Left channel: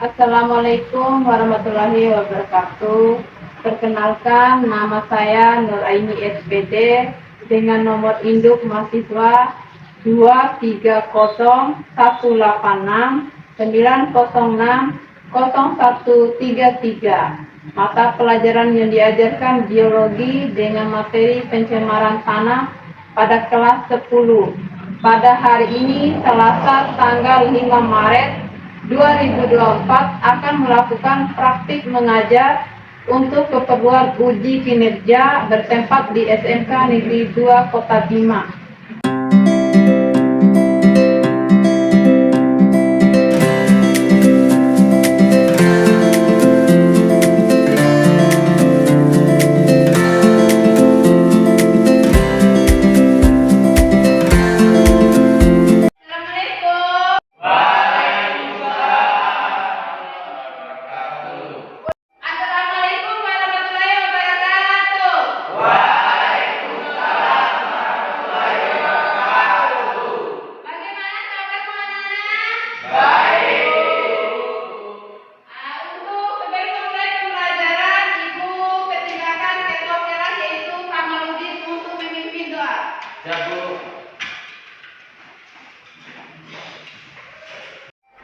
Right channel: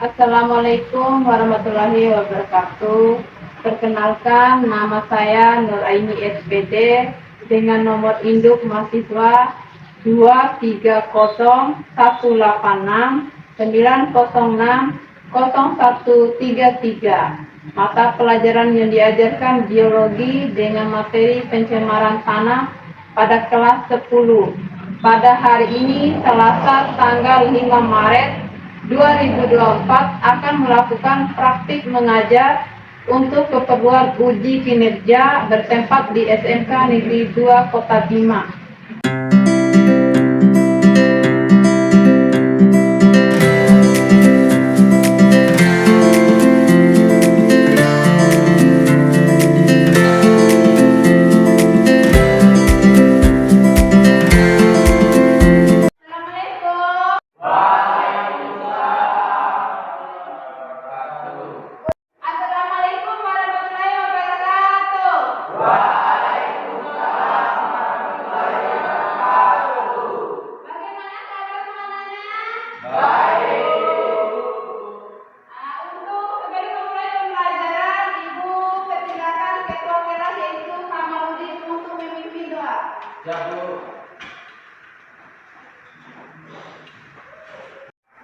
Assalamualaikum warahmatullahi wabarakatuh. Perkenalkan, nama saya Nur Aini SPD dengan nomor induk mahasiswa 2306186900133. Mata pelajaran yang diajarkan biologi dengan materi pencemaran tanah pada kelas 10. Pada hari ini, Selasa tanggal 5 Maret 2024 akan melakukan praktik mengajar untuk keperluan uji kinerja bertempat di SMK Negeri 2 Kota Bima.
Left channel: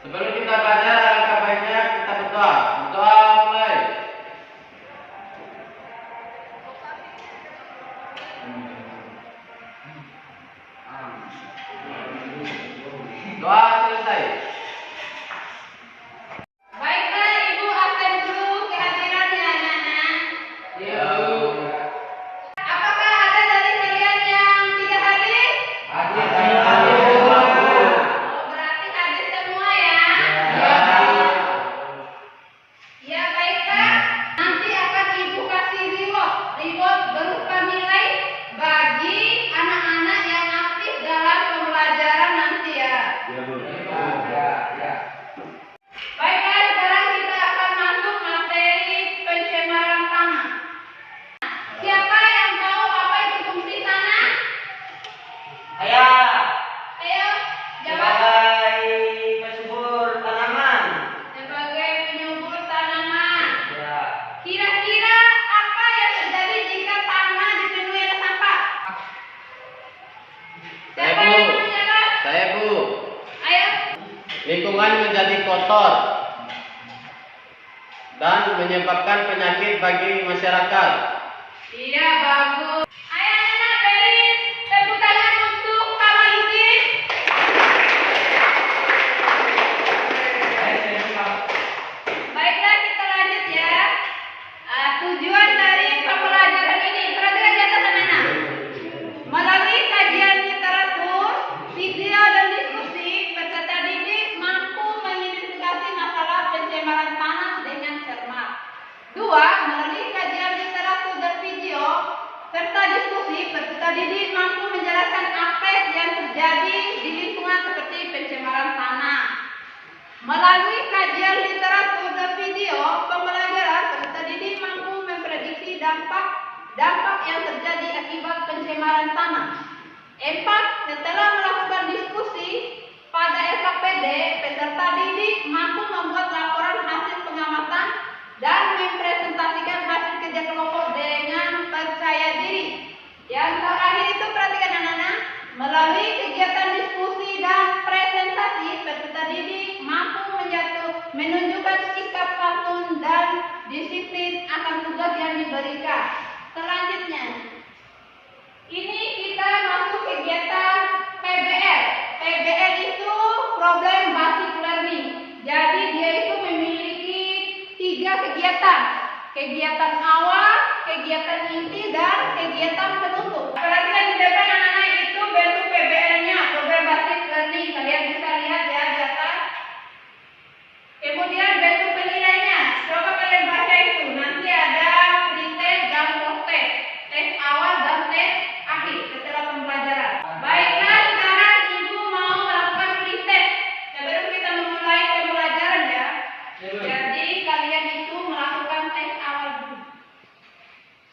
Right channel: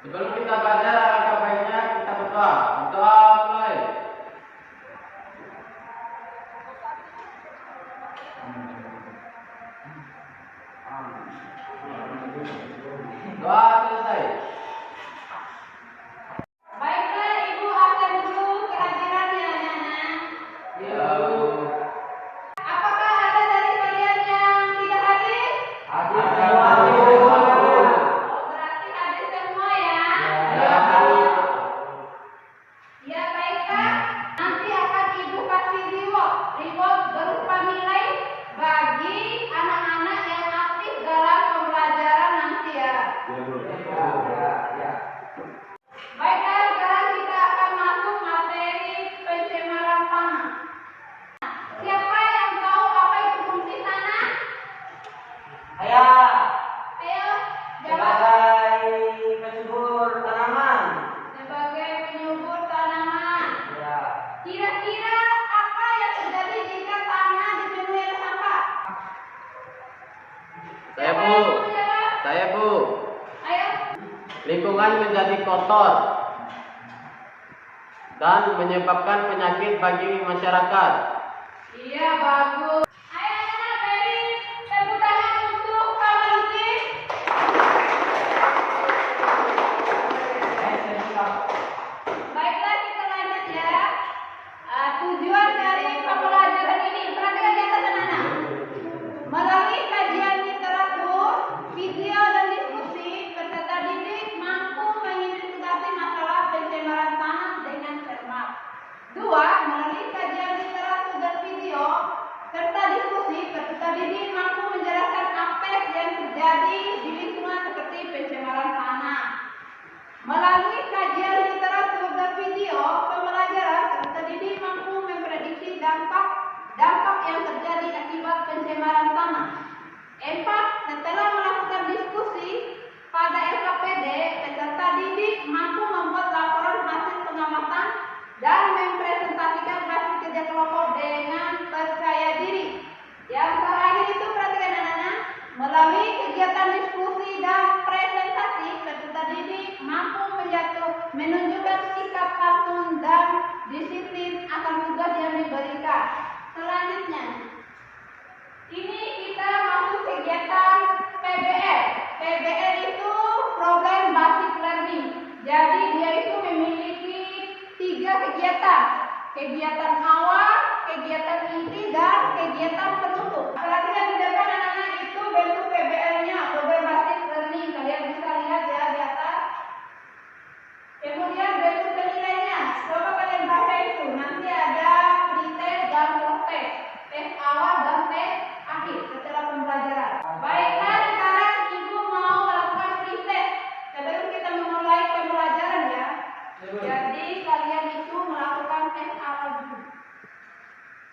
Sebelum kita belajar, alangkah baiknya kita berdoa. Berdoa mulai. Doa selesai. Baiklah, Ibu absen dulu kehadirannya anak-anak. Iya. Apakah ada dari kalian yang tidak hadir? Hadir. Oh, berarti hadir semua ya? Ya, baiklah. Nanti akan Ibu kasih reward berupa nilai bagi anak-anak yang aktif dalam pembelajaran nanti ya. Baiklah, sekarang kita akan masuk materi pencemaran tanah. Siapa yang tahu apa itu fungsi tanah? Ayo, jawab. Sebagai penyubur tanaman. Kira-kira apa yang terjadi jika tanah dipenuhi oleh sampah? Siapa yang mau menjawab? Saya, Bu. Ayo. Lingkungan menjadi kotor dan menyebabkan penyakit bagi masyarakat. Iya, bagus. Ayo anak-anak, beri tepuk tangan untuk Pak Maluki. Baiklah, kita lanjut ya. Tujuan dari pembelajaran ini, perhatikan di atas anak-anak. Melalui kajian literatur, video dan diskusi, peserta didik mampu mengidentifikasi masalah pencemaran tanah dengan cermat. 2. Melalui kajian literatur dan video serta diskusi, peserta didik mampu menjelaskan aspek yang terjadi di lingkungan seperti pencemaran tanah. Melalui kajian literatur dan video pembelajaran, peserta didik mampu memprediksi dampak yang terjadi akibat pencemaran tanah. 4. Setelah melakukan diskusi pada LKPD, peserta didik mampu membuat laporan hasil pengamatan dan mempresentasikan hasil kerja kelompok dengan percaya diri. Yang terakhir itu perhatikan anak-anak, melalui kegiatan diskusi dan presentasi, peserta didik mampu menunjukkan sikap santun dan disiplin akan tugas yang diberikan. Selanjutnya, ini kita masuk kegiatan PBL. PBL itu Problem Basic Learning. Jadi dia itu memiliki 3 kegiatan. Kegiatan awal, kegiatan inti, dan kegiatan penutup. Perhatikan di depan anak-anak itu bentuk PBL-nya, Problem Basic Learning. Kalian bisa lihat ya di atas. Kemudian bentuk penilaiannya. Coba kalian baca itu. Nanti ada pretest dan post-test. Tes awal dan tes akhir setelah pembelajaran. Baiklah, sekarang Ibu mau melakukan pretest sebelum kita memulai pembelajaran ya. Jadi kalian itu melakukan tes awal dulu.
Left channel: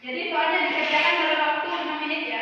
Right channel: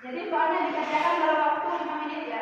Jadi soalnya dikerjakan dalam waktu 5 menit ya.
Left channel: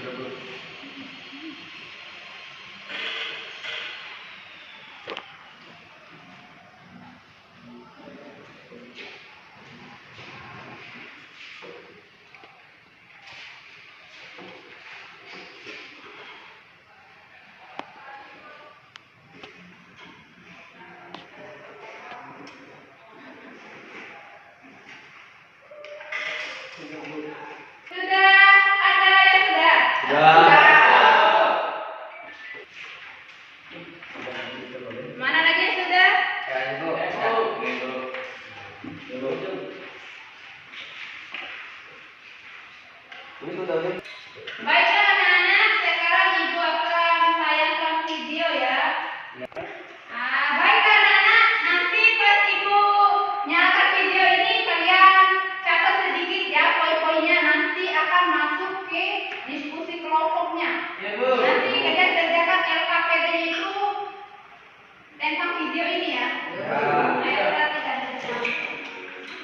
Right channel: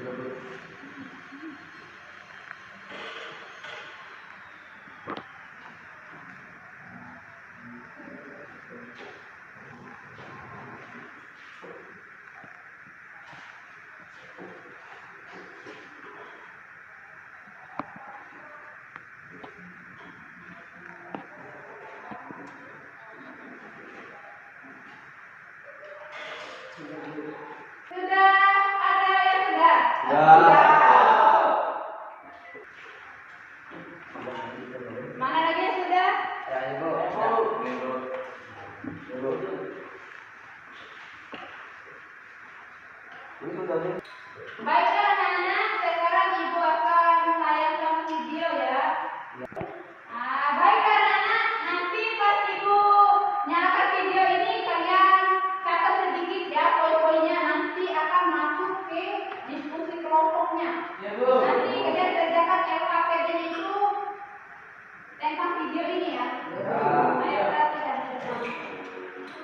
Sudah ada yang sudah? Sudah. Mana lagi yang sudah? Baiklah anak-anak, sekarang ibu akan tayangkan video ya. Baiklah anak-anak, nanti pas ibu nyalakan video ini kalian catat sedikit ya poin-poinnya, nanti akan masuk ke diskusi kelompoknya. Nanti kalian kerjakan LKPD-nya itu tentang video ini ya. Ayo perhatikan.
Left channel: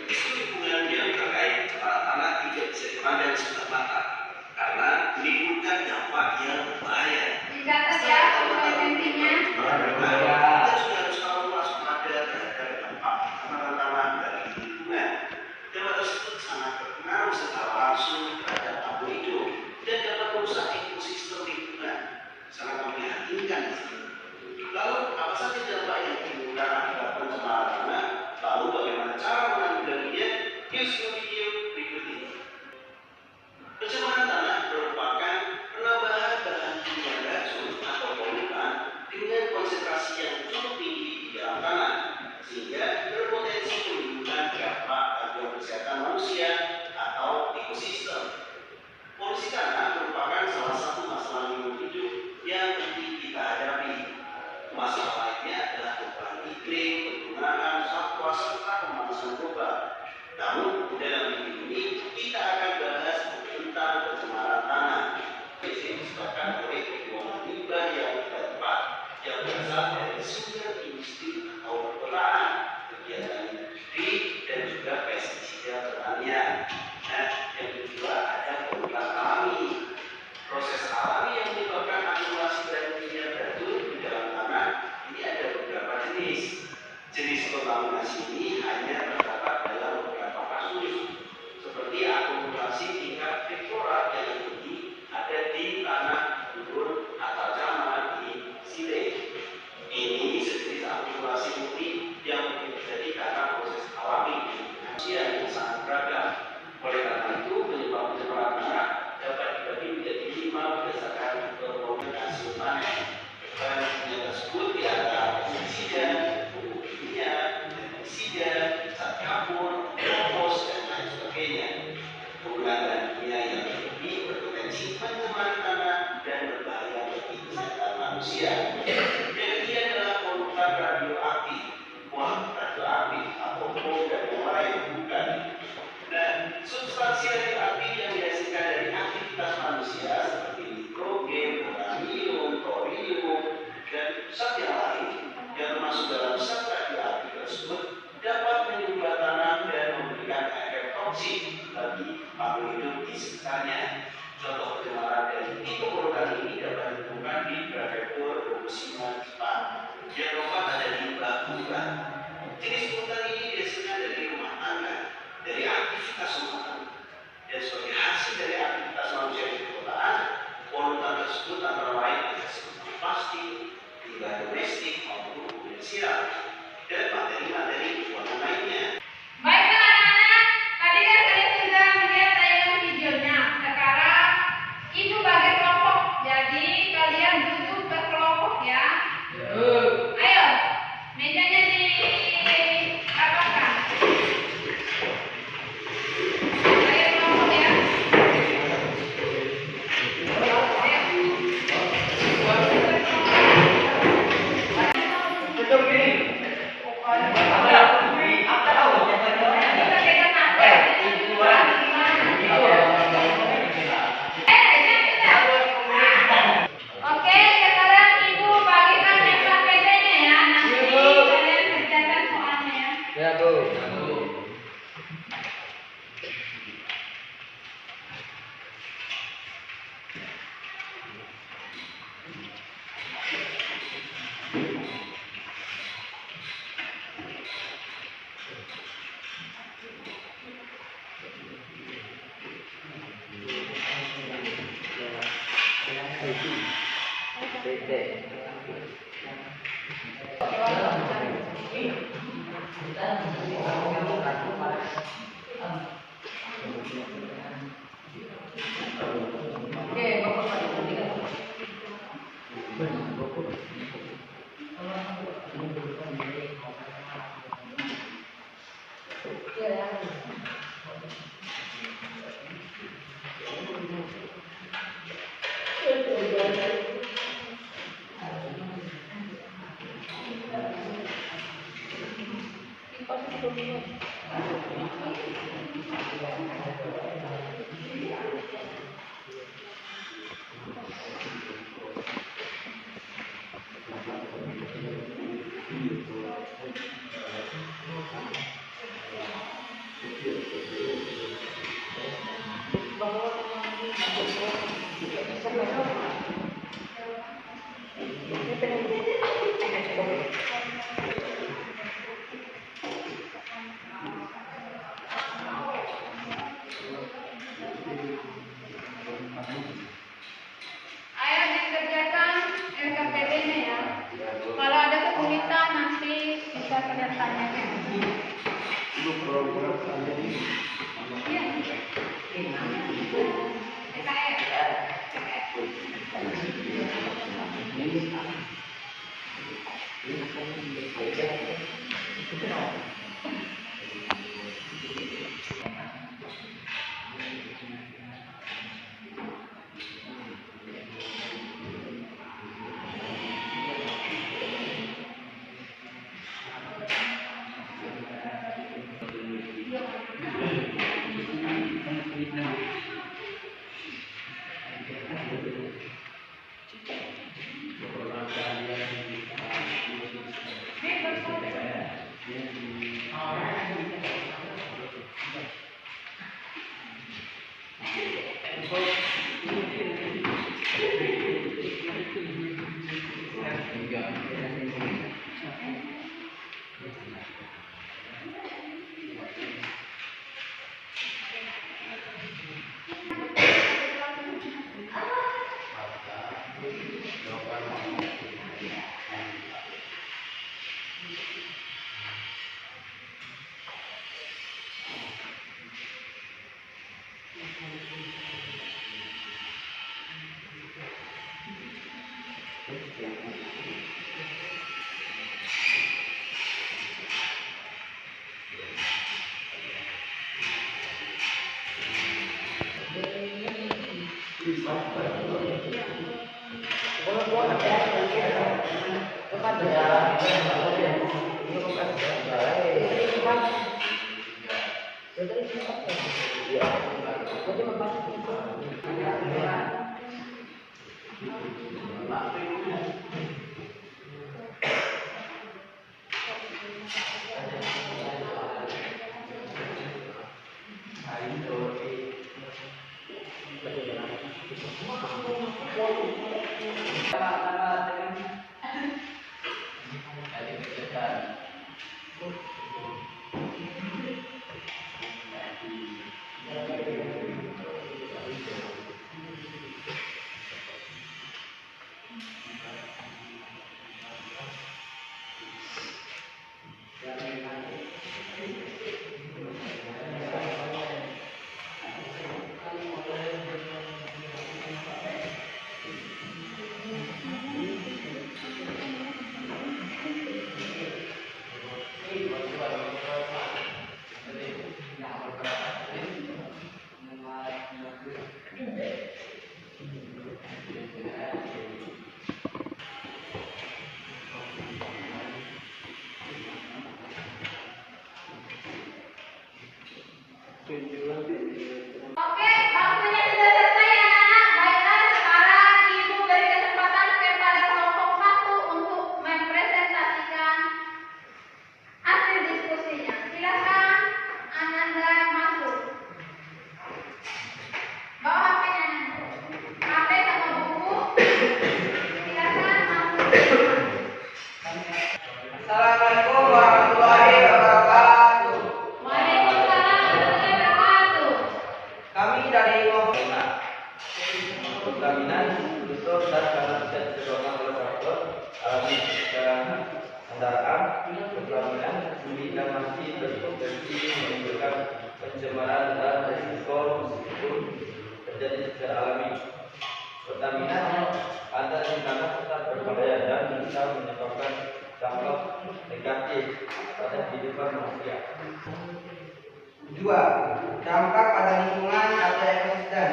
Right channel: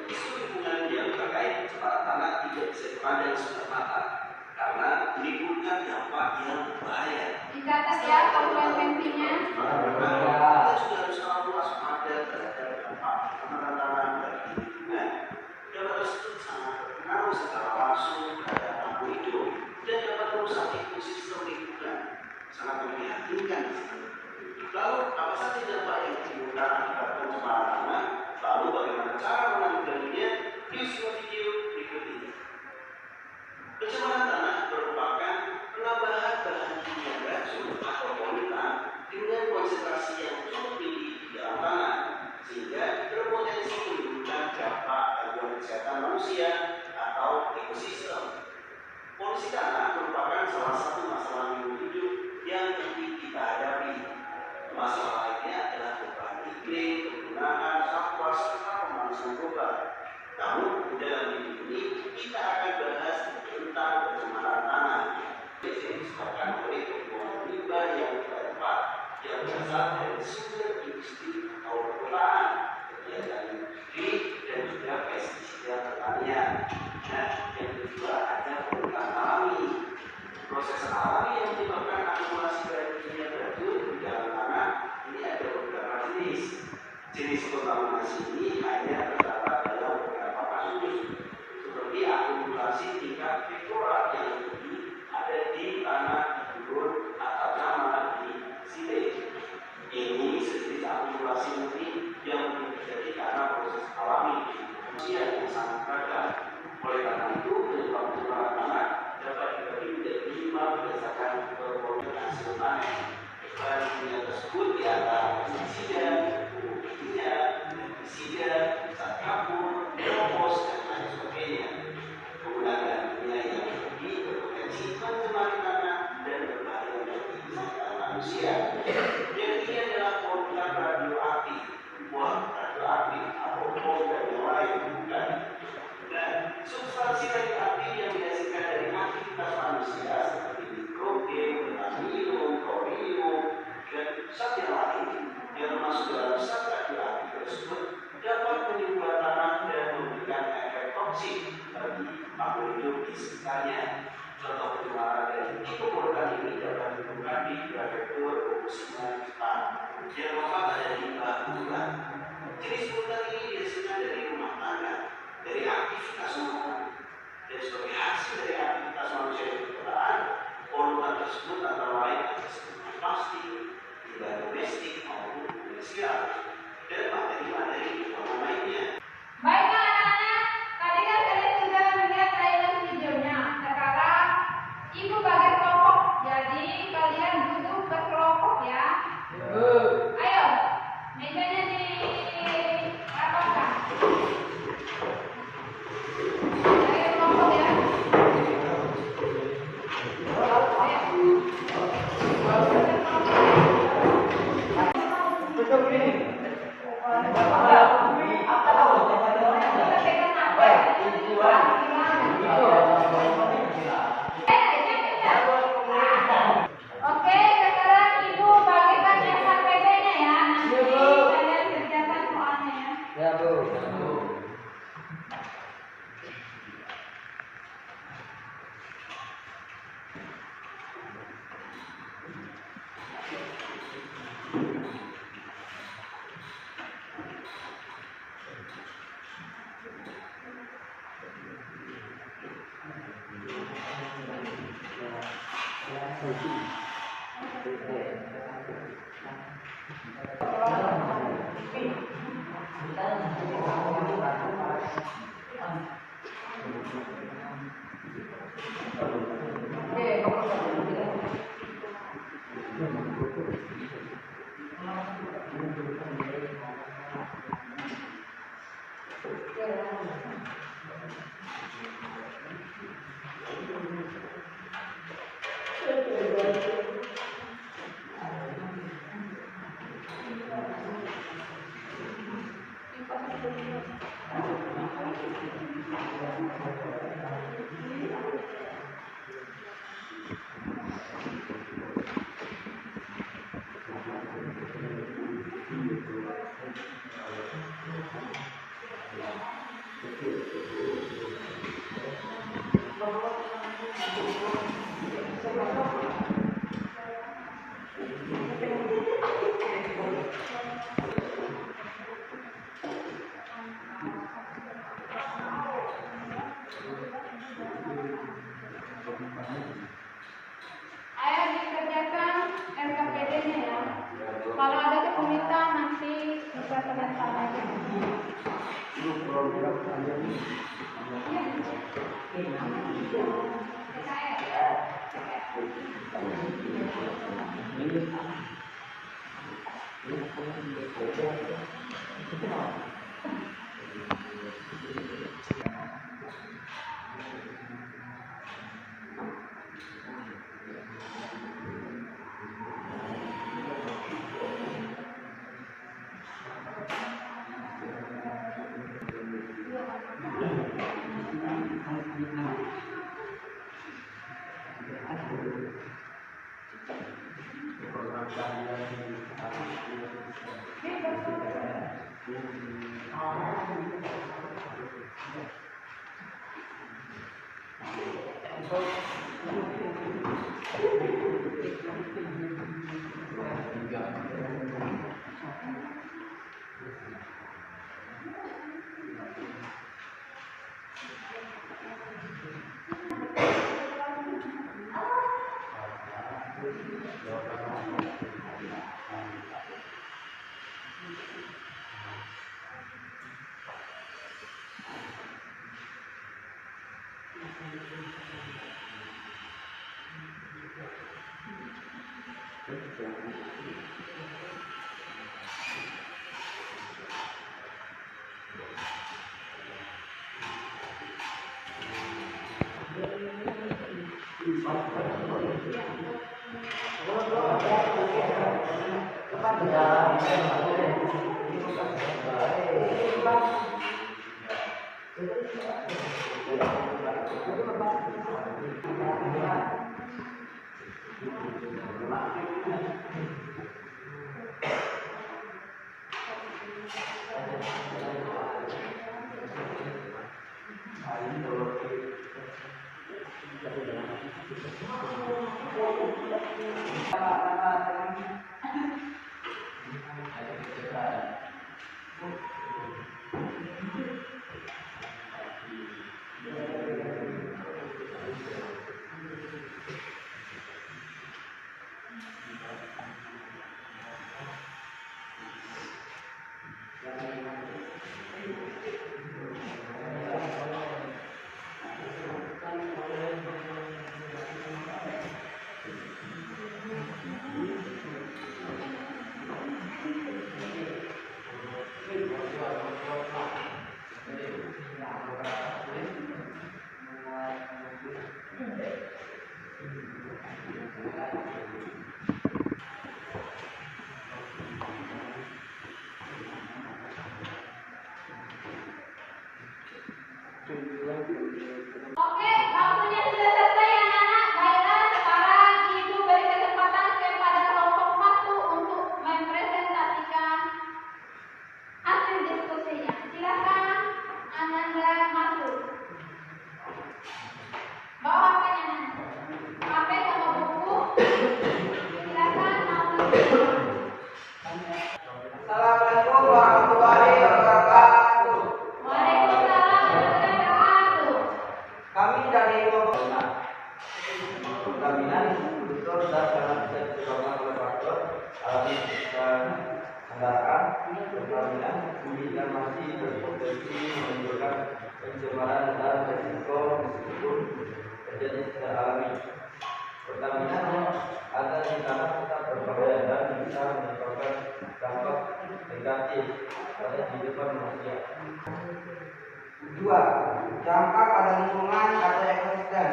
Isu lingkungan yang terkait kepala tanah tidak bisa dipandang sebelah mata karena menimbulkan dampak yang berbahaya. Dicatat ya poin-poin pentingnya. Kita juga harus selalu waspada terhadap dampak kebakaran tanah bagi lingkungan. Dampak tersebut sangat berpengaruh secara langsung terhadap makhluk hidup dan dapat merusak ekosistem lingkungan. Sangat memprihatinkan. Lalu apa saja dampak yang ditimbulkan akibat pencemaran tanah? Lalu bagaimana cara menanggulanginya? Yuk simak video berikut ini. Pencemaran tanah merupakan penambahan bahan kimia beracun atau polutan dengan konsentrasi yang cukup tinggi di dalam tanah, sehingga berpotensi menimbulkan dampak bagi kesehatan manusia atau ekosistem. Polusi tanah merupakan salah satu masalah lingkungan hidup yang penting kita hadapi. Masalah lainnya adalah perubahan iklim, penggunaan satwa serta pemanasan global. Namun, dalam video ini kita akan bahas tentang pencemaran tanah. Biasanya disebabkan oleh pembuangan limbah yang tidak tepat, yang berasal dari sumber industri atau perkotaan, kegiatan industri dan juga pestisida pertanian. Nah, yang kedua ada polutan alami. Proses alami yang menyebabkan akumulasi dan kimia beracun di dalam tanah ini ada beberapa jenis. Jenis kontaminasi ini hanya terdapat dalam beberapa kasus, seperti akumulasi tingkat fluorat yang tinggi ada di tanah gurun atau camat di sile. Ini sejenis akumulasi murni yang terjadi karena proses alami di manusia yang sangat beragam. Oleh karena itu, penyebab pencemaran tanah dapat dibagi menjadi 5 berdasarkan permohonan hasil panen. Bahan kimia tersebut diantara pestisida, pupuk kimia, pestisida, zat kapur, kompos, dan lain sebagainya. Penggunaan bahan kimia yang lebih berpotensi mencemari tanah dan berbahaya bagi kesehatan manusia. Yang ketiga adalah polutan radioaktif, radioaktif atau bom dan yang lain, bukan. Dan substansi radioaktif yang dihasilkan dari aktivitas manusia seperti nitrogen, uranium, thorium, dan zat yang lain yang termasuk dalam zat radioaktif tersebut dapat menyumbat tanah dan memberikan efek toksik bagi makhluk hidup di sekitarnya. Contoh pencemaran dari tipe polutan ini dapat ditemukan di prefektur Fukushima, Jepang. Yang keempat ada limbah polutan. Jenis polutan ini biasanya dari rumah tangga, dari aktivitas manusia, dan sebagai hasil dari aktivitas manusia di perkotaan, polutan tersebut antara lain ada seperti plastik, limbah domestik maupun komersial, dan materi-materi pembuangan lainnya. Baiklah anak-anak, tadi kan kalian sudah melihat tayangan videonya. Sekarang ibu bagi kelompok, jadi kalian duduk berkelompok ya. Ayo, mejanya dirapatkan. Bagi kelompok ya. Ayo dikerjakan RKPD-nya ya. Kalau ada kesulitan nanti bisa kalian tanyakan. Iya. perkawinan betul dan sangat bisa disebabkan oleh faktor alami kendaraan perkawinan bumi dan masih berpotensi menimbulkan pencemaran dan risiko meskipun terjadi secara alami. Perkawinan yang ada di tanah tetap berbahaya dan bisa menyebabkan dampak negatif pada kehidupan manusia. 2. Dampak pada lingkungan atau ekosistem.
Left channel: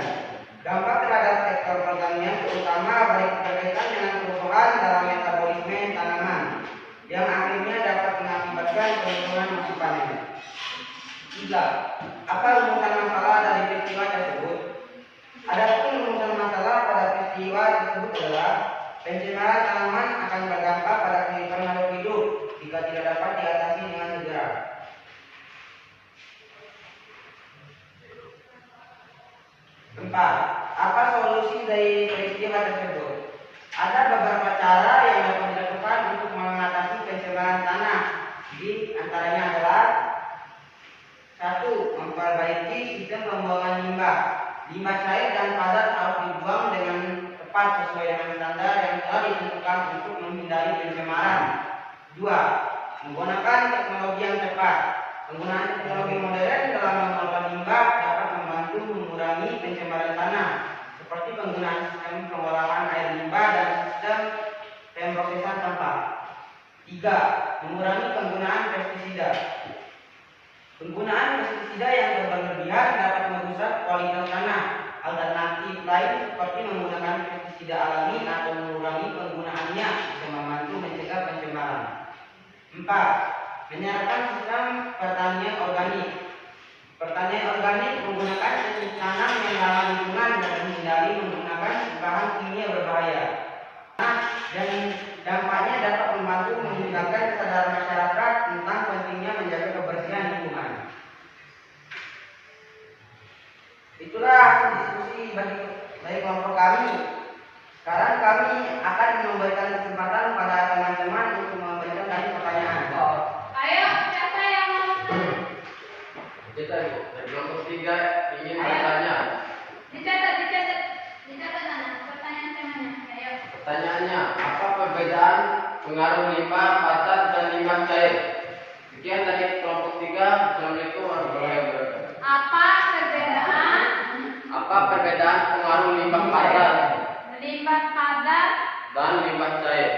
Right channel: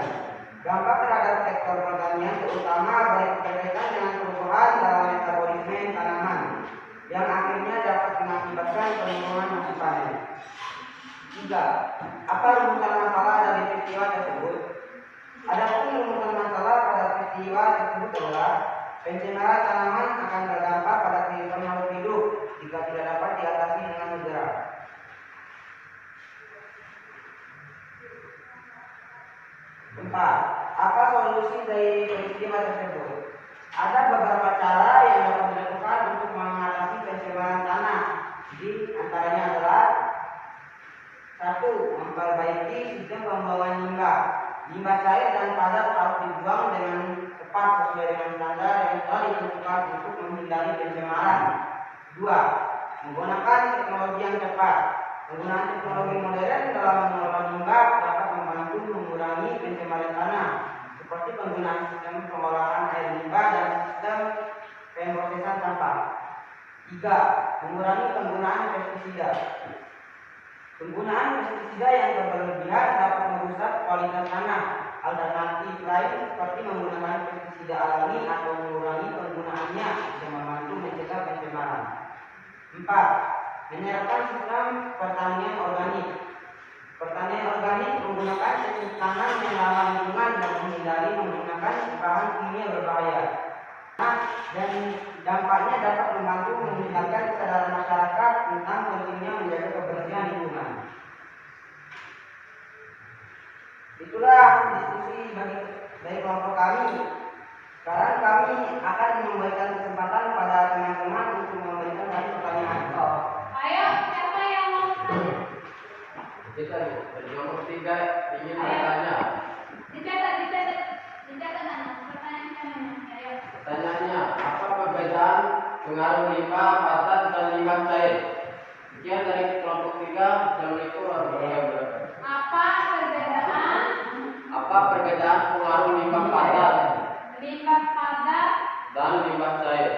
Dampak terhadap sektor pertanian terutama berkaitan dengan perubahan dalam metabolisme tanaman yang akhirnya dapat mengakibatkan penurunan musim panen. 3. Apa rumusan masalah dari peristiwa tersebut? Adapun rumusan masalah pada peristiwa tersebut adalah pencemaran tanaman akan berdampak pada kehidupan makhluk hidup jika tidak dapat diatasi dengan segera. 4. Apa solusi dari peristiwa tersebut? Ada beberapa cara yang dapat dilakukan untuk mengatasi pencemaran tanah. Di antaranya adalah 1. Memperbaiki sistem pembuangan limbah. Limbah cair dan padat harus dibuang dengan tepat sesuai dengan standar yang telah ditentukan untuk menghindari pencemaran. 2. Menggunakan teknologi yang tepat. Penggunaan teknologi modern dalam mengelola limbah dapat membantu mengurangi pencemaran tanah, seperti penggunaan sistem pengolahan air limbah dan sistem pemrosesan sampah. 3. Mengurangi penggunaan pestisida. Penggunaan pestisida yang berlebihan dapat merusak kualitas tanah. Alternatif lain seperti menggunakan pestisida alami atau mengurangi penggunaannya bisa membantu mencegah pencemaran. 4. Menerapkan sistem pertanian organik. Pertanian organik menggunakan teknik tanam yang ramah lingkungan dan menghindari menggunakan bahan kimia berbahaya. Dan dampaknya dapat membantu meningkatkan kesadaran masyarakat tentang pentingnya menjaga kebersihan lingkungan. Itulah diskusi dari kelompok kami. Sekarang kami akan memberikan kesempatan pada teman-teman untuk memberikan tadi pertanyaan. Ayo, siapa yang mau? Kita dari kelompok 3 ingin bertanya. Dicatat anak. Pertanyaan temannya. Ayo. Pertanyaannya, apa perbedaan pengaruh limbah padat dan limbah cair? Sekian dari kelompok 3. Assalamualaikum warahmatullahi wabarakatuh. Apa perbedaan pengaruh limbah padat dan limbah cair?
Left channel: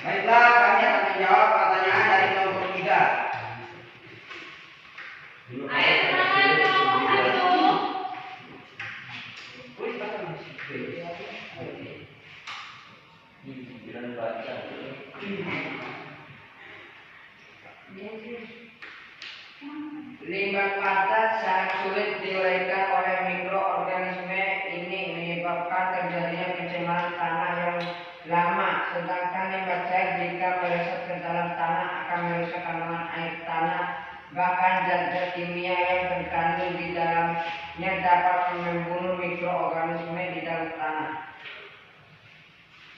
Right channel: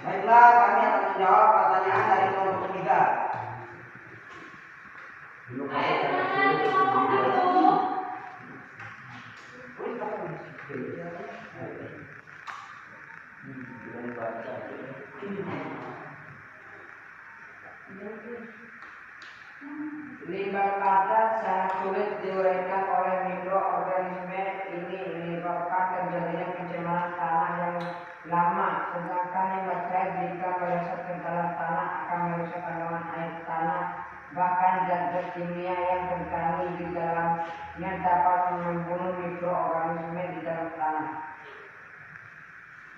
Baiklah, kami akan menjawab pertanyaan dari kelompok 3. Ayo semangat kelompok 1. Limbah padat sangat sulit diuraikan oleh mikroorganisme. Ini menyebabkan terjadinya pencemaran tanah yang lama. Sedangkan limbah cair jika meresap ke dalam tanah akan merusak kandungan air tanah. Bahkan zat-zat kimia yang terkandung di dalamnya dapat membunuh mikroorganisme di dalam tanah.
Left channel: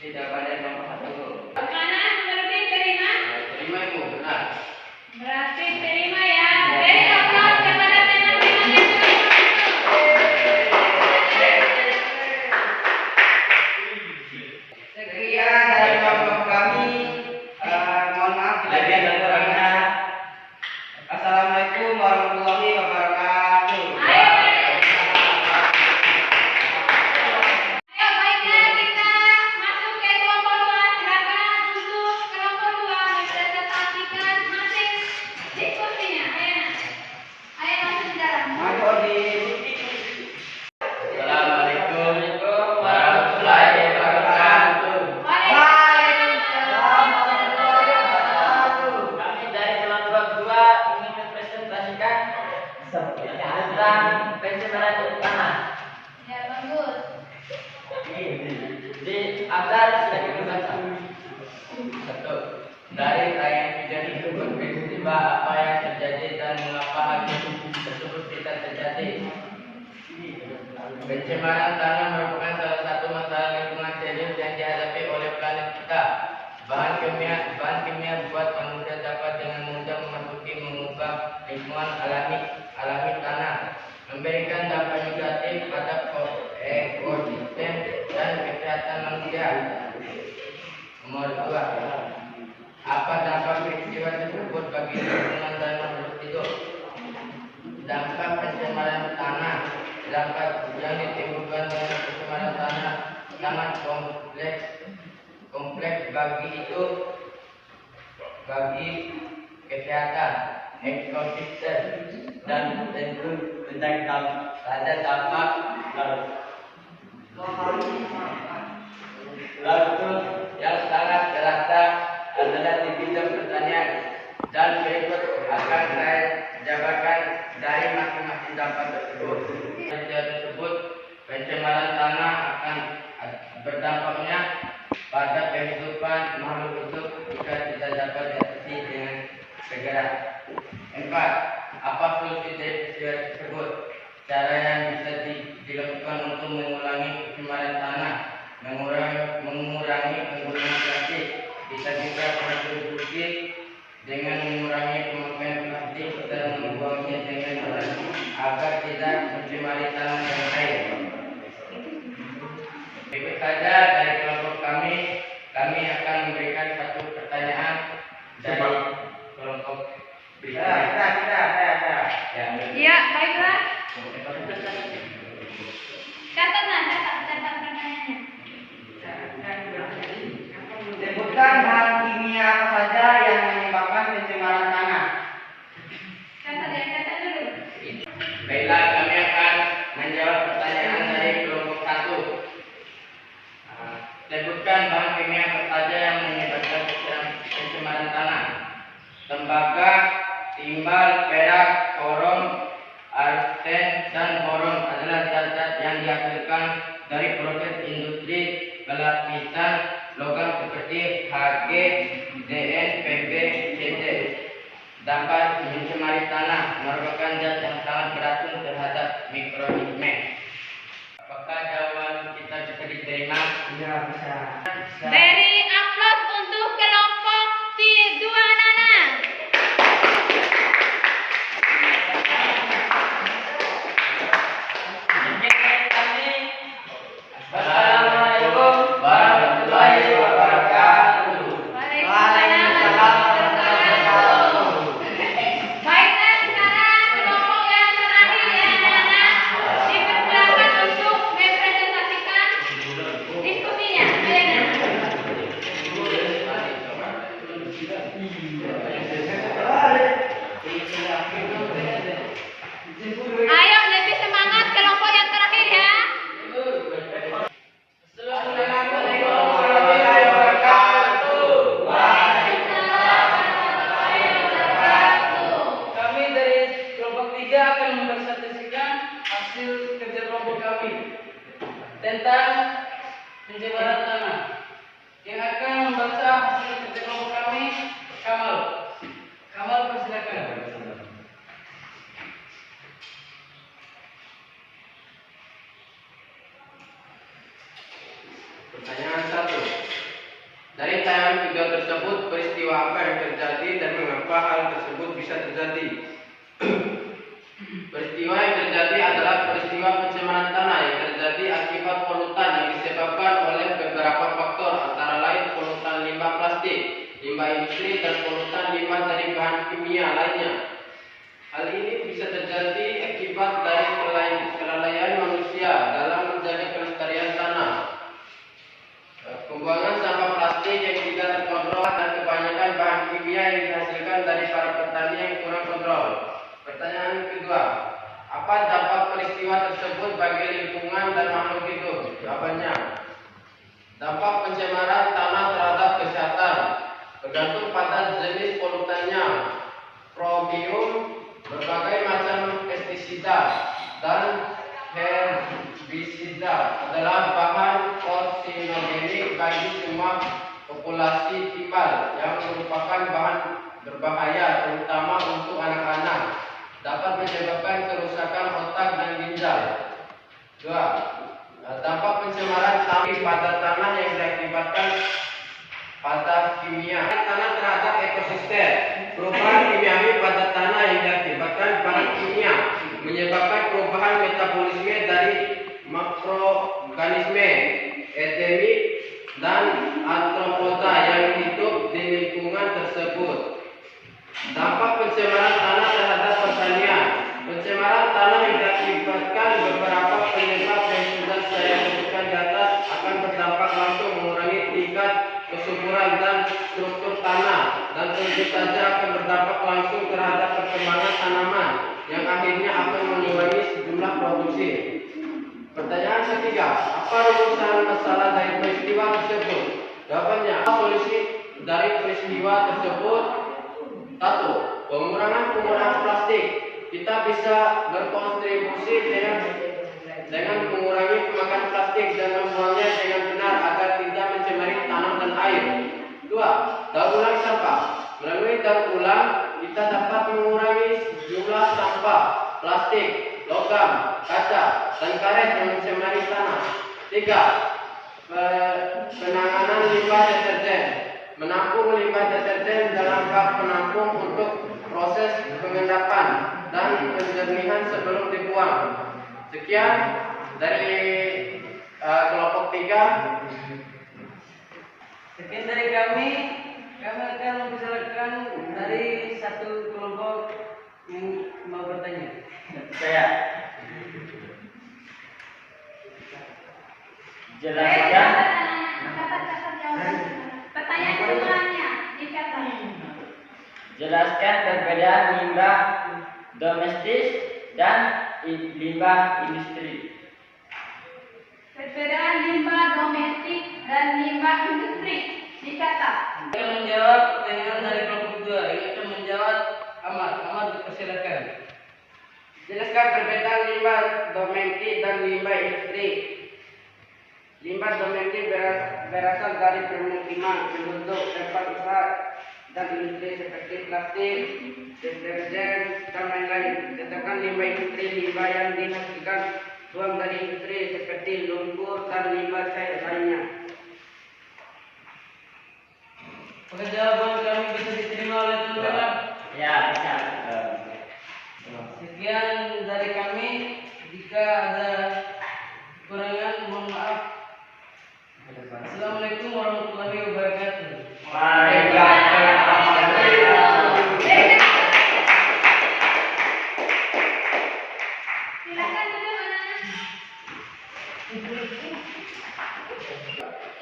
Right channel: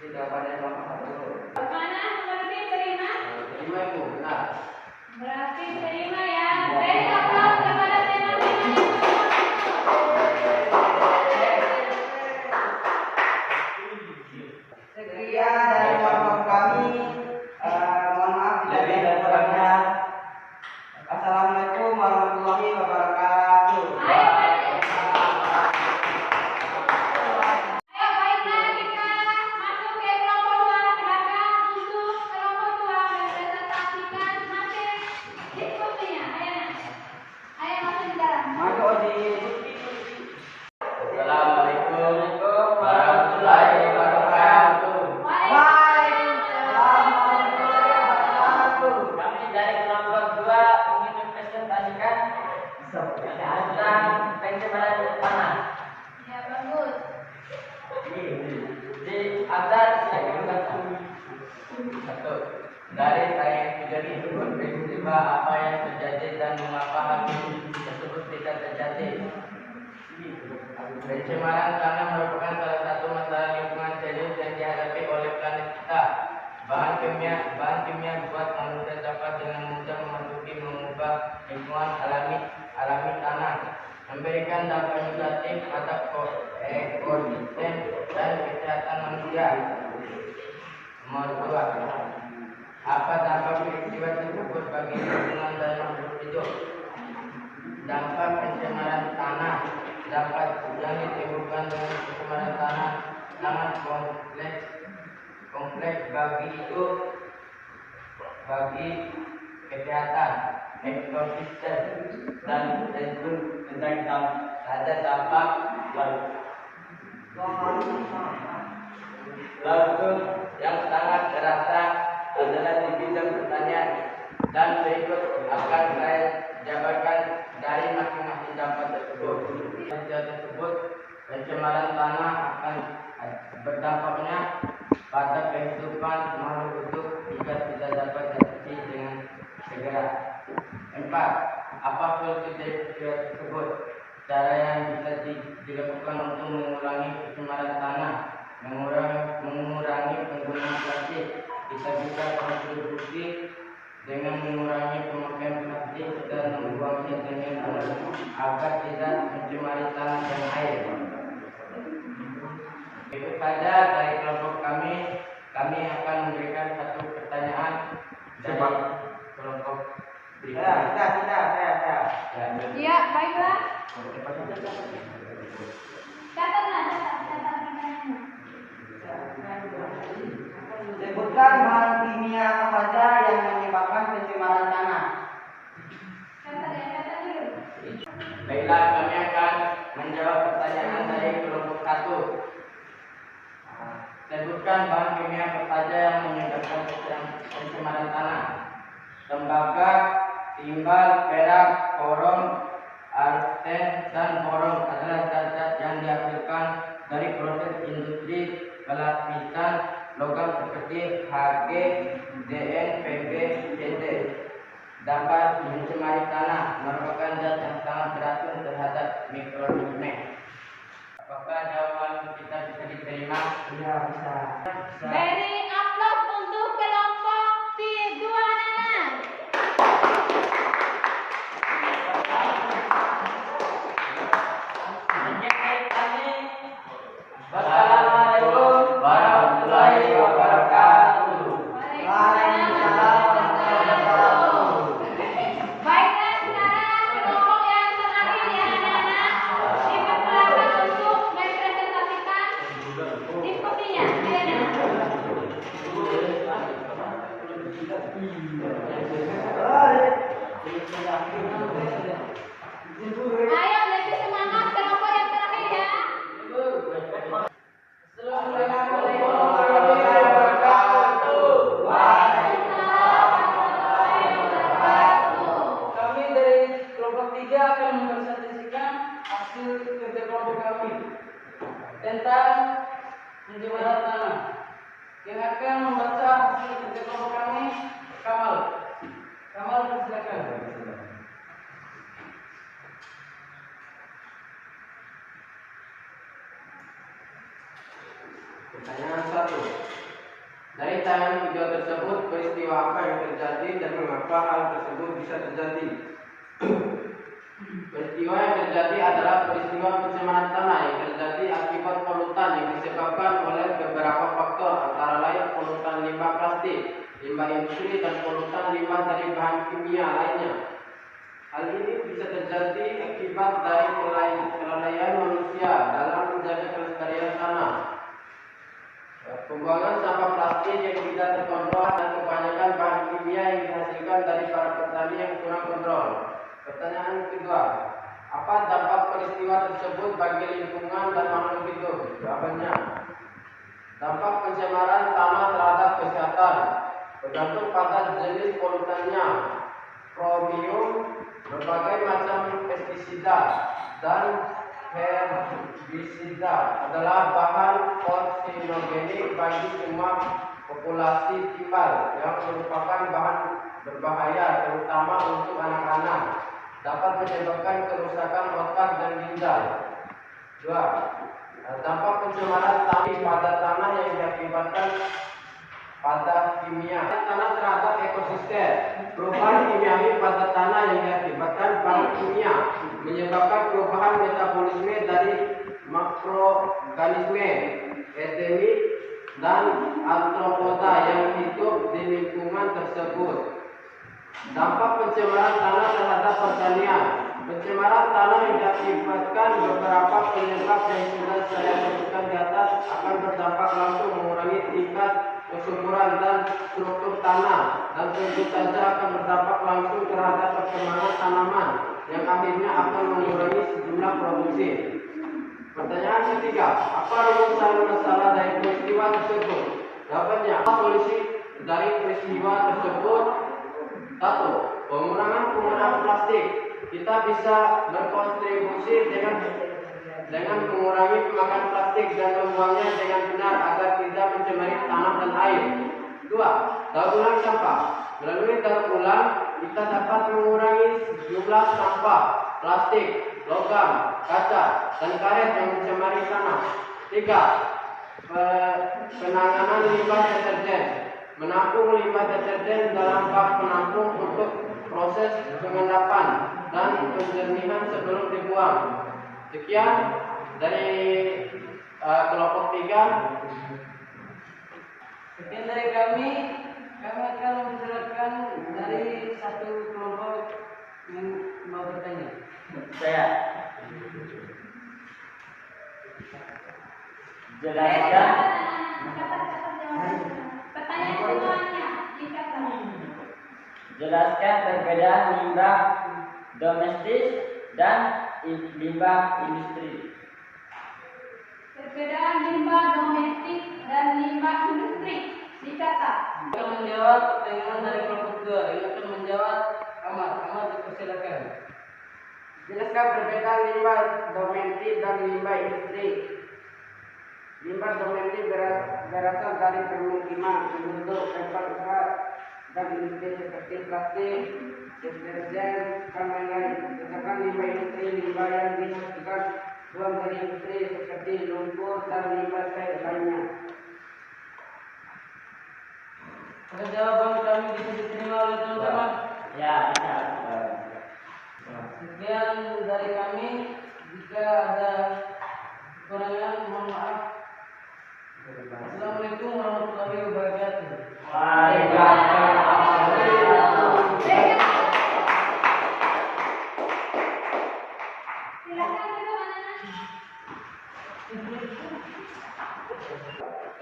Tidak pada nomor 1. Mana berarti terima? Terima ibu, benar. Berarti terima ya. Beri aplaus kepada teman-teman yang telah Sekian dari kelompok kami. Mohon maaf bila ada kekurangan. Assalamualaikum warahmatullahi wabarakatuh. Ayo baiklah kita masuk ke kelompok 2. Silakan untuk kelompok 2 mempresentasikan masing diskusinya. Ayo langsung jalan. Maju di Assalamualaikum warahmatullahi wabarakatuh. Waalaikumsalam warahmatullahi wabarakatuh. Kami dari kelompok 2 ingin mempresentasikan tentang pencemaran tanah. Ya bagus. Di Abdar silakan membaca. 1. Dari tayangan video tersebut peristiwa apa yang terjadi dan mengapa hal tersebut bisa terjadi. Pencemaran tanah merupakan salah satu masalah lingkungan serius yang dihadapi oleh planet kita. bahan kimia buat manusia dapat dengan mudah memasuki mengubah lingkungan alami tanah, memberikan dampak negatif pada ekosistem dan kesehatan manusia. Nomor 2. Apa dampak peristiwa tersebut bagi lingkungan dan makhluk hidup? Dampak pencemaran tanah. Dampak yang ditimbulkan dengan pencemaran tanah sangat kompleks bagi kesehatan ekosistem dan tentu ada dampak langsung yang sangat terasa adalah di bidang pertanian, dan berikut akan saya jabarkan dari masing-masing dampak tersebut. Pencemaran tanah akan berdampaknya pada kehidupan makhluk hidup jika tidak dapat diatasi dengan segera. 4. Apa solusi dari peristiwa tersebut? Cara yang bisa dilakukan untuk mengurangi pencemaran tanah, mengurangi penggunaan plastik. Kita bisa kontribusi dengan mengurangi pemakaian plastik dan membuangnya dengan benar agar tidak mencemari tanah dan air. Berikut saja dari kelompok kami akan memberikan satu pertanyaan dari kelompok berikutnya. Ya, baiklah. Catat pertanyaannya. Sebutkan bahan kimia apa saja yang menyebabkan pencemaran tanah. Catat dulu. Baiklah, kami akan menjawab pertanyaan dari kelompok 1. Sebutkan bahan kimia apa saja yang menyebabkan pencemaran tanah. Tembaga, timbal, perak, korom, arsen, dan boron adalah zat-zat yang dihasilkan dari proses industri pelapisan logam seperti Hg, Dn, Pb, Cd. Dapat mencemari tanah, merupakan zat yang sangat beracun terhadap mikroorganisme. Apakah jawaban kita bisa diterima? Iya, bisa. Beri aplaus untuk kelompok C2 Nana. Assalamualaikum warahmatullahi wabarakatuh. Waalaikumsalam warahmatullahi wabarakatuh. Baiklah, sekarang kelompok yang terakhir ya Nana, dipersilakan untuk mempresentasikan diskusinya. Ayo Nana. Ayo lebih semangat kelompok yang terakhir ya. Assalamualaikum warahmatullahi wabarakatuh. Kami dari kelompok 3 akan mempresentasikan hasil kerja kelompok kami tentang pencemaran tanah. Yang akan membaca hasil kerja kelompok kami, Kamal. Kamal, persilakan. Pertanyaan 1. Dari tayangan video tersebut, peristiwa apa yang terjadi dan mengapa hal tersebut bisa terjadi? Peristiwa yang terjadi adalah peristiwa pencemaran tanah yang terjadi akibat polutan yang disebabkan oleh beberapa faktor, antara lain polutan limbah plastik, limbah industri, dan polutan limbah dari bahan kimia lainnya. Hal ini bisa terjadi akibat dari kelalaian manusia dalam menjaga kelestarian tanah. Pembuangan sampah plastik yang tidak terkontrol dan kebanyakan bahan kimia yang dihasilkan dari para petani yang kurang kontrol. Pertanyaan kedua, apa dampak peristiwa tersebut bagi lingkungan dan makhluk hidup? Jawabannya, dampak pencemaran tanah terhadap kesehatan bergantung pada jenis polutannya. Kromium, berbagai macam pestisida, dan herbisida adalah bahan karsinogenik bagi semua populasi timbal yang merupakan bahan berbahaya terutama untuk anak-anak, dapat menyebabkan kerusakan otak dan ginjal. 2. Dampak pencemaran tanah pada tanah yang diakibatkan pada konsisten. Perubahan kimiawi pada tanah yang diakibatkan bahan kimia menyebabkan perubahan metabolisme dari makroorganisme endemik dan arthropoda yang hidup di lingkungan tersebut. Dampak pencemaran tanah terhadap pertanian. Pencemaran tanah yang diakibatkan beberapa penyebab yang sudah saya sebutkan di atas akan berdampak langsung mengurangi tingkat kesuburan dan struktur tanah, dan tentu saja akan berdampak langsung terhadap perkembangan tanaman yang akhirnya akan mengurangi sejumlah produksi. Pertanyaan ketiga, apa rumusan masalah dari peristiwa tersebut? Jawabannya, solusi dari peristiwa tersebut. 1. Pengurangan penggunaan plastik. Kita bisa berkontribusi dengan mengurangi pemakaian plastik dan membuangnya dengan benar agar tidak mencemari tanah dan air. 2. Daur ulang sampah. Melalui daur ulang, kita dapat mengurangi jumlah sampah plastik, logam, kaca, dan karet yang mencemari tanah. 3. Penanganan limbah deterjen. Menampung limbah deterjen dalam bak penampung untuk proses pengendapan dan penjernihan sebelum dibuang. Sekian dari kelompok 3. Sekian dari kami akan mempersilakan dari satu kelompok yang mau bertanya. Saya. Jelaskan. Pertanyaan semuanya dicatat. Jelaskan perbedaan limbah domestik dan limbah industri. Perbedaan limbah domestik dan limbah industri dicatat. Akan menjawab dengan dari kelompok 2. Ini akan menjawab Ahmad dipersilakan. Jelaskan perbedaan limbah domestik dan limbah industri. Limbah domestik berasal dari permukiman, penduduk, tempat usaha, dan industri seperti plastik, deterjen, dan lain-lain. Sedangkan limbah industri, limbah yang dihasilkan buang dari industri seperti lumpur dan limbah cair lainnya. Apakah jawaban kami bisa diterima oleh teman-teman? Ya, bisa. Sekian dari kami. Jika ada kekurangan, mohon maaf. Assalamualaikum warahmatullahi wabarakatuh. Silakan dulu anak-anak.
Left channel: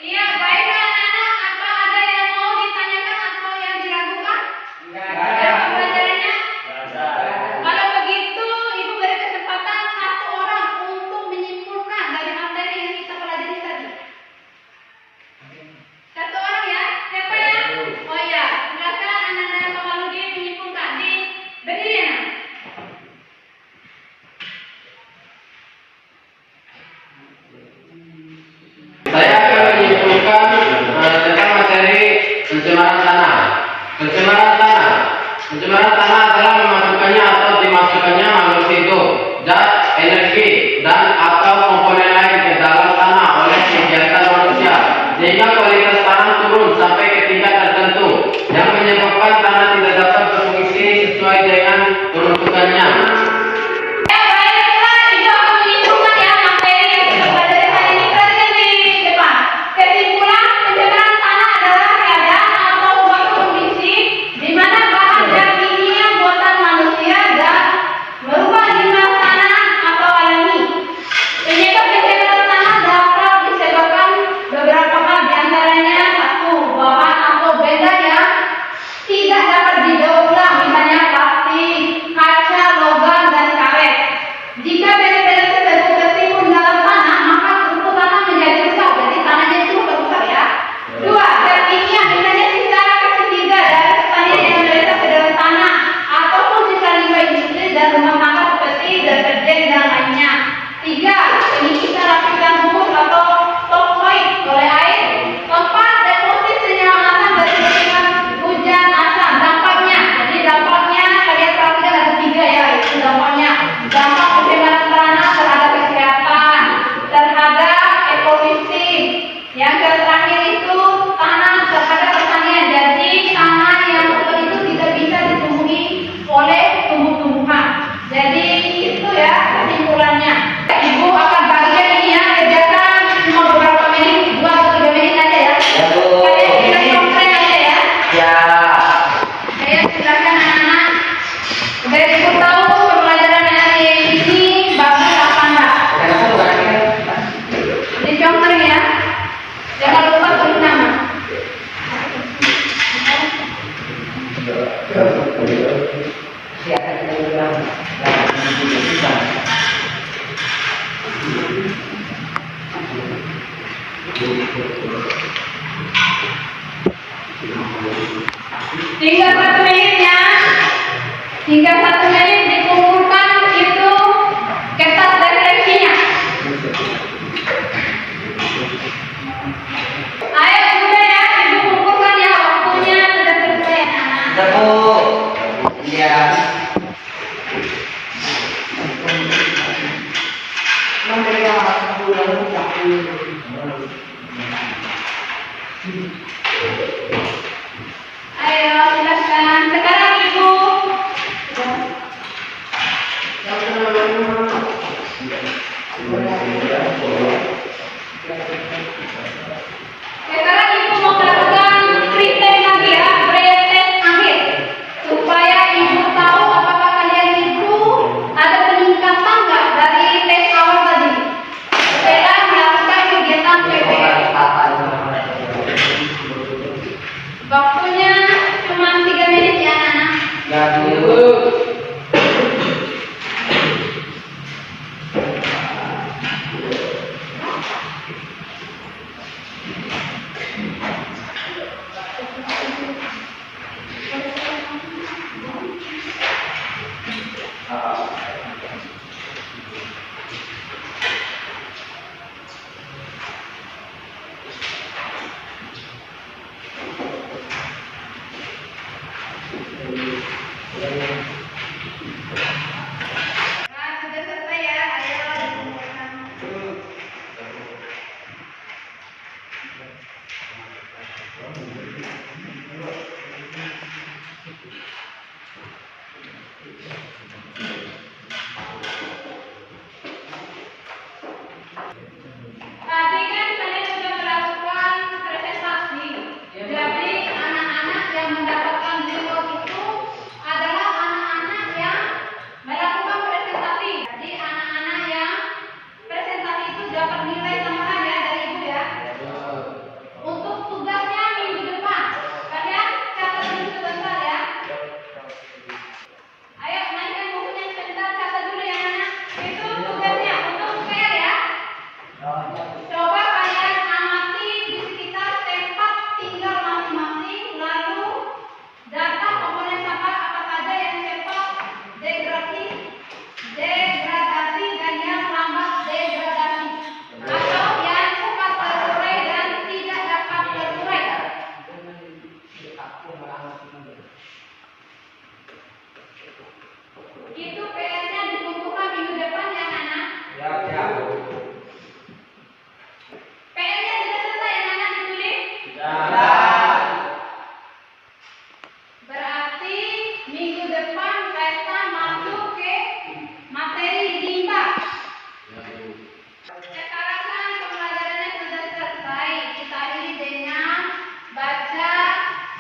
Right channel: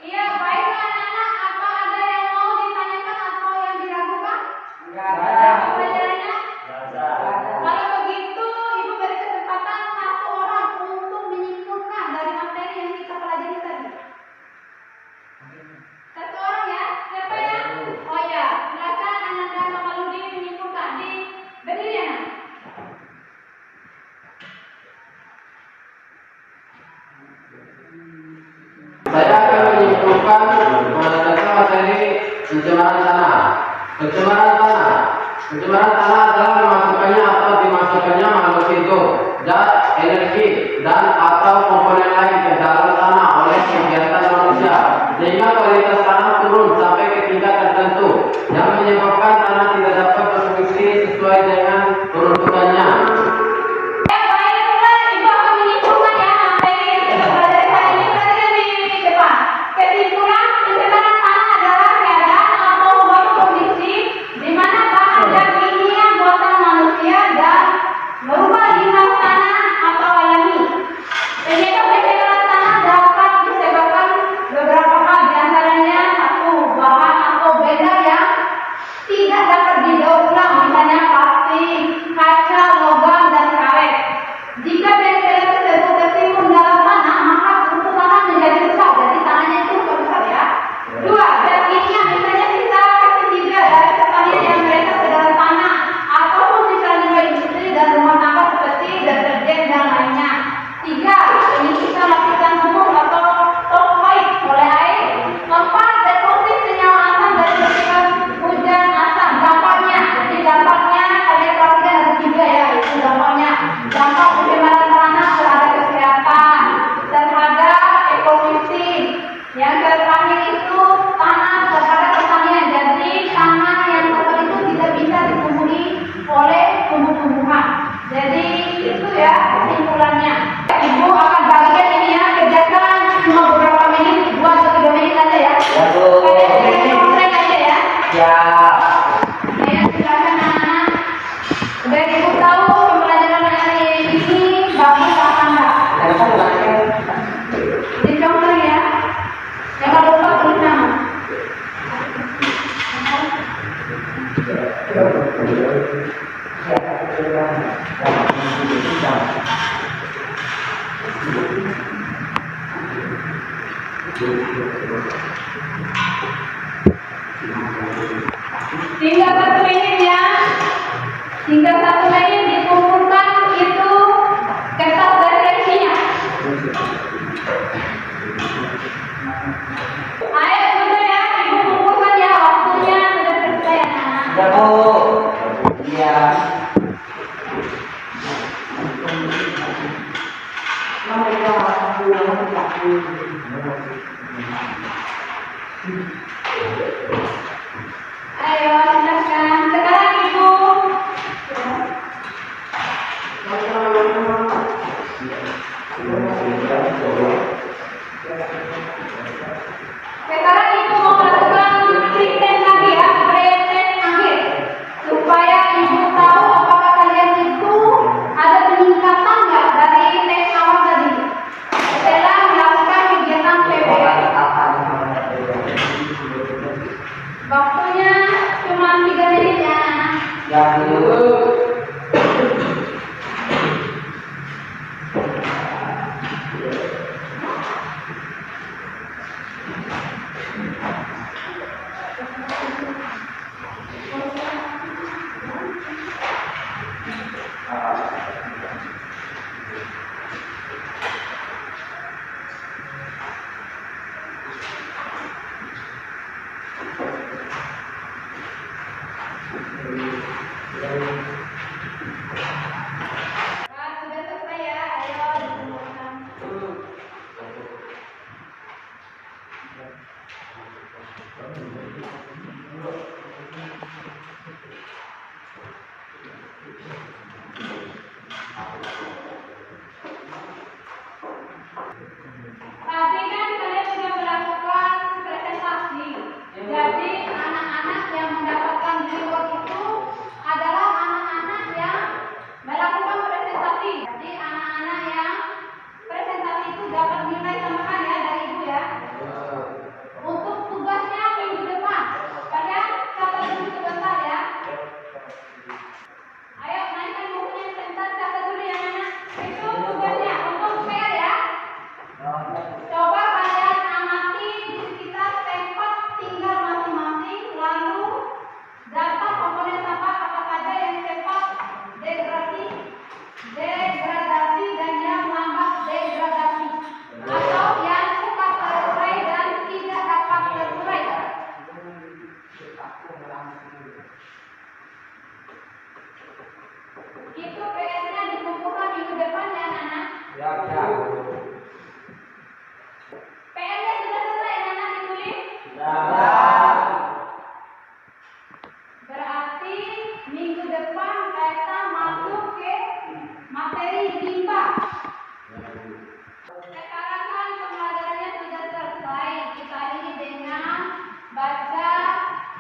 Iya, baiklah anak-anak. Apa ada yang mau ditanyakan atau yang diragukan? Ada pelajarannya? Kalau begitu, Ibu beri kesempatan satu orang untuk menyimpulkan dari materi yang kita pelajari tadi. Satu orang ya? Siapa ya? Oh ya, silakan Ananda Kamaludin menyimpulkan. Berdiri ya, Nak. Saya akan menyimpulkan tentang materi pencemaran tanah. Pencemaran tanah adalah memasukkannya atau dimasukkannya makhluk hidup, zat, energi, dan atau komponen lain ke dalam tanah oleh kegiatan manusia, sehingga kualitas tanah turun sampai ke tingkat tertentu yang menyebabkan tanah tidak dapat berfungsi sesuai dengan peruntukannya. Baiklah, Ibu akan menyimpulkan ya materi yang kita pelajari hari ini. Perhatikan di depan. Kesimpulan, pencemaran tanah adalah keadaan atau suatu kondisi di mana bahan dan kimia buatan manusia dan berubah limbah tanah atau alami. Penyebab pencemaran tanah dapat disebabkan beberapa hal, diantaranya 1. Bahan atau benda yang tidak dapat didaur ulang, misalnya plastik, kaca, logam, dan karet. Jika benda-benda tersebut tertimbun dalam tanah, maka struktur tanah menjadi rusak, jadi tanahnya itu rusak ya. 2. Zat kimia, misalnya sisa ketiga dari pertanian yang meresap ke dalam tanah, ataupun sisa limbah industri dan rumah tangga seperti deterjen dan lainnya. 3. Penyisipan lapisan humus atau topsoid oleh air. 4. Deposit senyawa asam dari Tinggal 1 menit ya. Tinggal 1 menit dikumpulkan itu kertas referensinya. Ayo sudah ya, dikumpulkan ya, waktunya sudah selesai anak. Sudah Bu. Iya. Ayo silakan. Sekarang Ibu. Sekarang Ibu mau melakukan pretest lagi ya, pretest akhir, supaya Ibu tahu apakah kalian itu ada peningkatan nggak dari tes awal tadi. Setelah melakukan kegiatan PPL. Waktunya cuma 3 menit ya anak. Ya Bu. Nah, sudah selesai ya. Ayo dikumpulkan. Tadi kan kalian sudah melakukan presentasi. Jadi anak-anak yang mendapatkan reward itu adalah anak-anak yang melakukan presentasi. Jadi anak-anak yang presentasi itu dapat nilai tambahan ya dari Ibu ya. Untuk tugasnya minggu depan, kalian catat dulu sebentar ya. Ayo naikkan bukunya sebentar, catat dulu ya anak. Itu tugasnya untuk PR ya. Coba kalian amati di sekitar tempat tinggal masing-masing, lalu data komponen sampah apa saja yang cepat degradasi dan yang lambat degradasi, atau yang cepat terurai dan tidak dapat terurai. Itu PR-nya dikumpulkan minggu depan ya anak. Ya, ya. PR-nya sudah selesai ya anak ditulis. Ya. Berarti minggu depan kita masuk ke materi limbah. Sekarang kan pembelajarannya sudah selesai. Kita akhiri dengan baca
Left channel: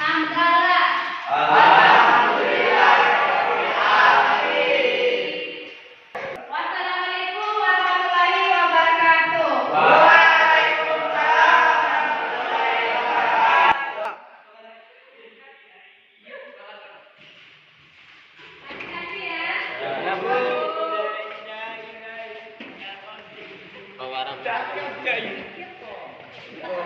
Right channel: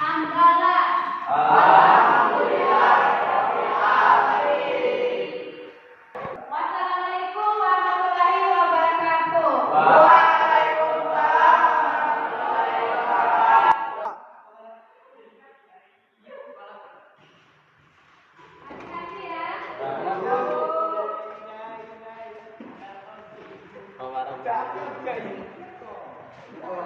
hamdalah. Wassalamualaikum warahmatullahi wabarakatuh. Hati-hati ya. Bawa